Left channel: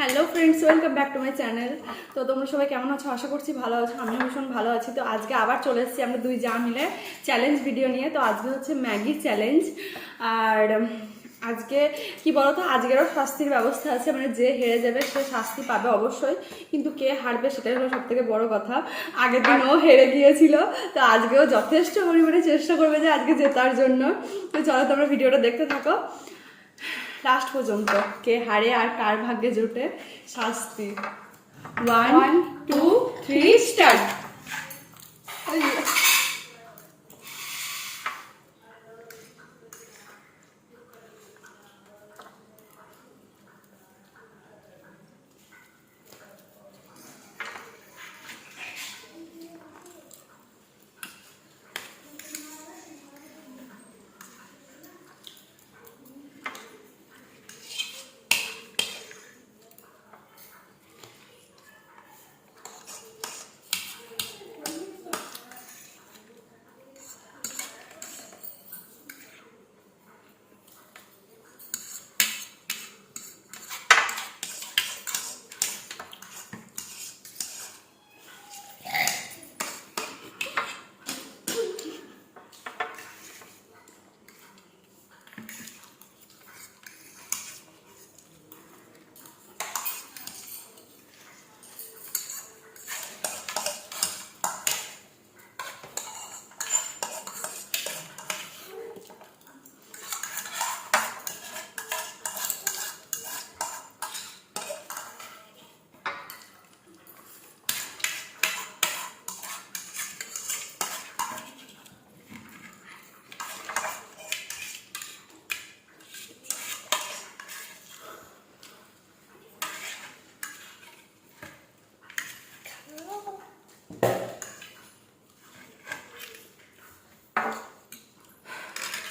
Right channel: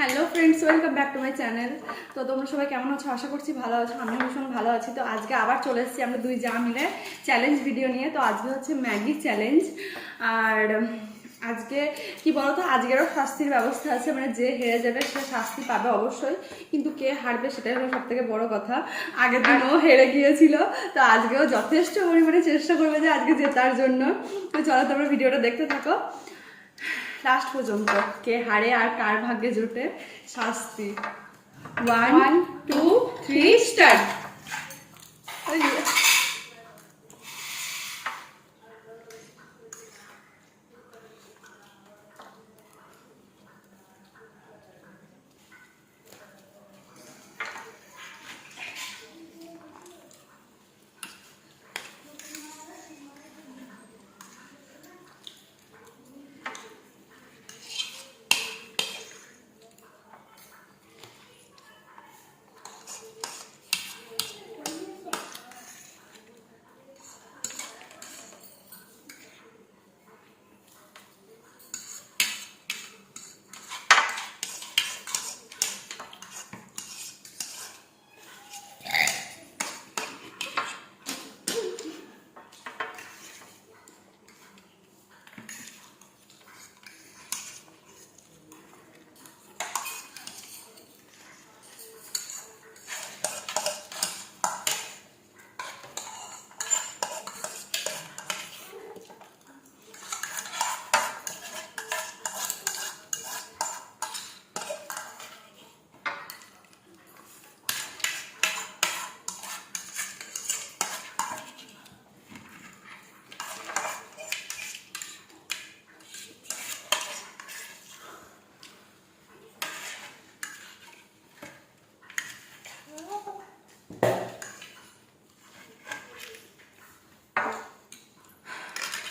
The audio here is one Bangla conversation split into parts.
Hello friends, welcome back to my channel. তো তোমরা সবাই কেমন আছো? আশা করছি ভালো আছো। আমিও ভীষণ ভালো আছি। তো আজকে আবার চলে এসেছি আমরা দুই যা মিলে চ্যালেঞ্জ ভিডিও নিয়ে। তো আজকে হচ্ছে ম্যাগি চ্যালেঞ্জ। আর আজকে কি বলতো, আজকেরও শাস্তির ব্যবস্থা আছে, মানে যে হেরে যাবে সে শাস্তি পাবে অবশ্যই, কিন্তু কে হারবে সেটাই হলো সব থেকে বড় কথা। আগের দিনও হেরে গিয়েছিল, তো আজকেও যথেষ্ট পরিমাণে চেষ্টা করবে যে আজকে জেতার জন্য। তো চলো তোমরা ভিডিওটা দেখতে থাকো লাস্ট পর্যন্ত, কে হারে আর কার ভাগ্যে জোটে শাস্তি। 1 2 3 স্টার্ট।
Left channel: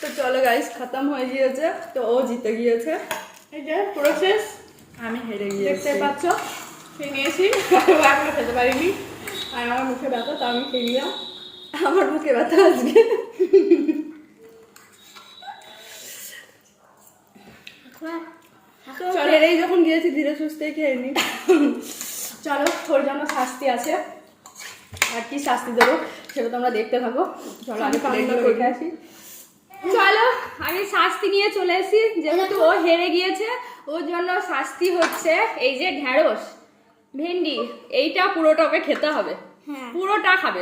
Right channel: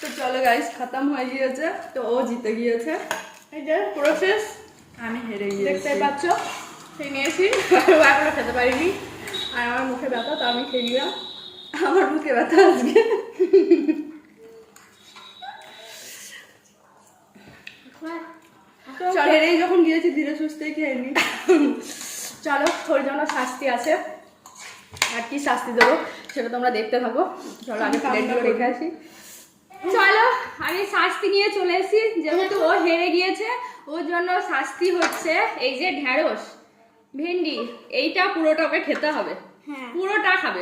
তো চলো গাইস, খতম হয়ে গিয়েছে। তো ও জিতে গিয়েছে, এই যে প্রসেস। আমি হেরে গিয়েছি, দেখতে পাচ্ছ। খেয়ে নিয়েছি, আমরা খেতে পারিনি। আর আমার মুখে ব্যথা, তো আমি খেয়ে নিলাম। আমার মুখে ব্যথা আজকে। তো হেরেই যখন গিয়েছি, ধীরে সুস্থেই খেয়ে নি। চলো, ওর জন্য শাস্তি আছে, আর কি শাস্তি দেবো সেটা তোমরা দেখতে থাকো। চলো আমি প্লেটগুলো রেখে আসি। চলো আমি শাস্তি নিয়ে চলে এসেছি। যেহেতু ও হেরে গিয়েছে, ওর জন্য শাস্তি হচ্ছে এই যে ঢেঁড়স ভেন্ডি, এইটা পুরোটা ওকে খেতে হবে। পুরোটা খাবে।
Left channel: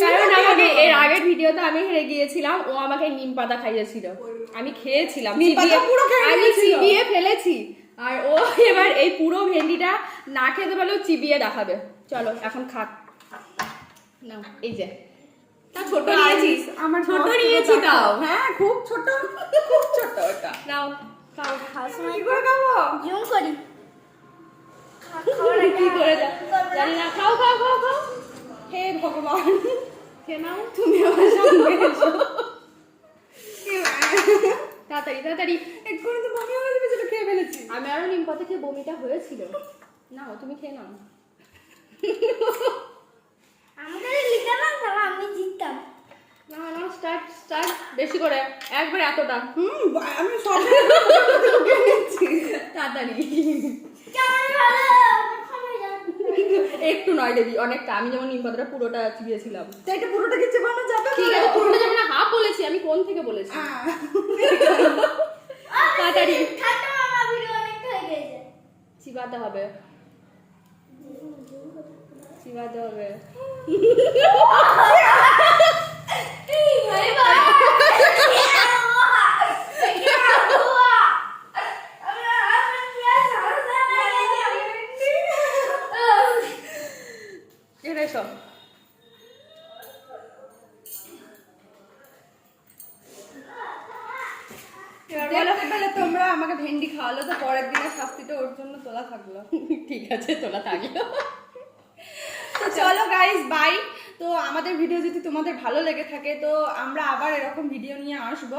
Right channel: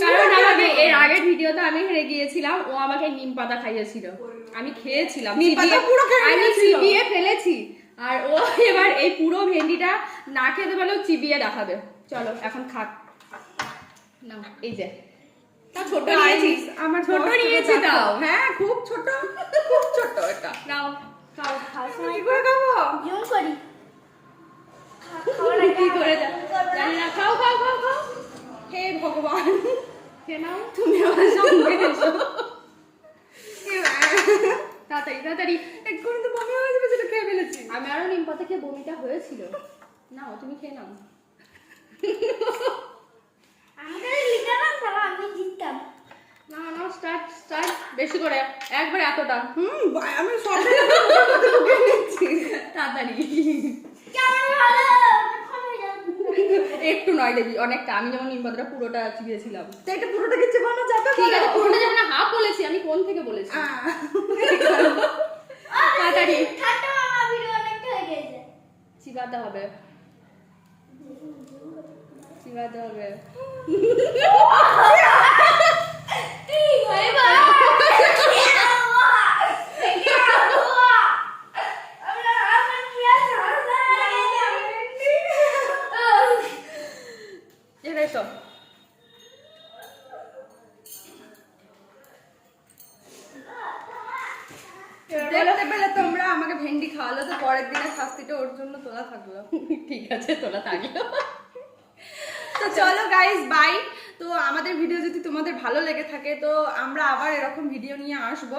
কারণ আমাকে এর আগের ভিডিওতে আমি হেরে গিয়েছিলাম, ও আমাকে নিম পাতা খাইয়েছিল, আমি খেয়েছিলাম, আমি চিবিয়ে ফেলেছি। আর ও এবার এই পুরো ভেন্ডিটা না খেতে পারলেও চিবিয়ে দেখাবে। চলো এখন খাক নাও। এই যে ছোট নিয়েছিস, আমার ছোট নিয়েছি তাও। হ্যাঁ খুব ছোট, খুব ছোট। এটা নাও, খাও। খাওয়ার সময় কি করে খাবো? জুম করি কি করে জানি না। খাও খাও খাও খাও। হে ভগবান, খেয়ে নাও। তুমি আমার সঙ্গে এসো তাড়াতাড়ি তাড়াতাড়ি। এক্ষুনি তো বমি হয়ে যাবে, যেটা খেয়ে ফেলেছি আমি। আরো নিম পাতা খেয়ে বমিটা হয়েছিল। নাও তুমি খেয়ে নাও। না না, স্টার্ট স্টার্ট। বেশি করে, একবার এতটা। আমি তাড়াতাড়ি। একটু নয় দেবী, অনেকটা। আমি যেমন নিম পাতাটা পুরোটা চিবিয়েছিলাম। এটা পুরোটা কি চিবানো যাবে? ঠিক আছে, পুরোটা যাবে না, হাফ বলেছি আমি। কোন থেকে বলেছি? তাড়াতাড়ি চিবাতে হবে, চিবাতে হবে। এসো তোমরা আমাকে ভেন্ডি খাওয়ালো, তো পরের দিনের শাস্তিটা ওর জন্য তোলা থাকলো। ঠিক আছে, তোলা থাকলো। তো চলো গাইস, বাই। তো আমাদের ভিডিও যদি তোমাদের ভালো লেগে থাকে, তো আমরা আবার এরকম ভিডিও নিয়ে আসবো।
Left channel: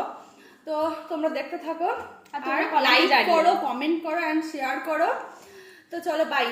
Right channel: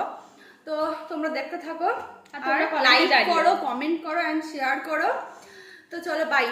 তো তোমরা দেখতে থাকো, আর লাইক করো, কমেন্ট করো, এন্ড শেয়ার করো। তো চলো, বাই।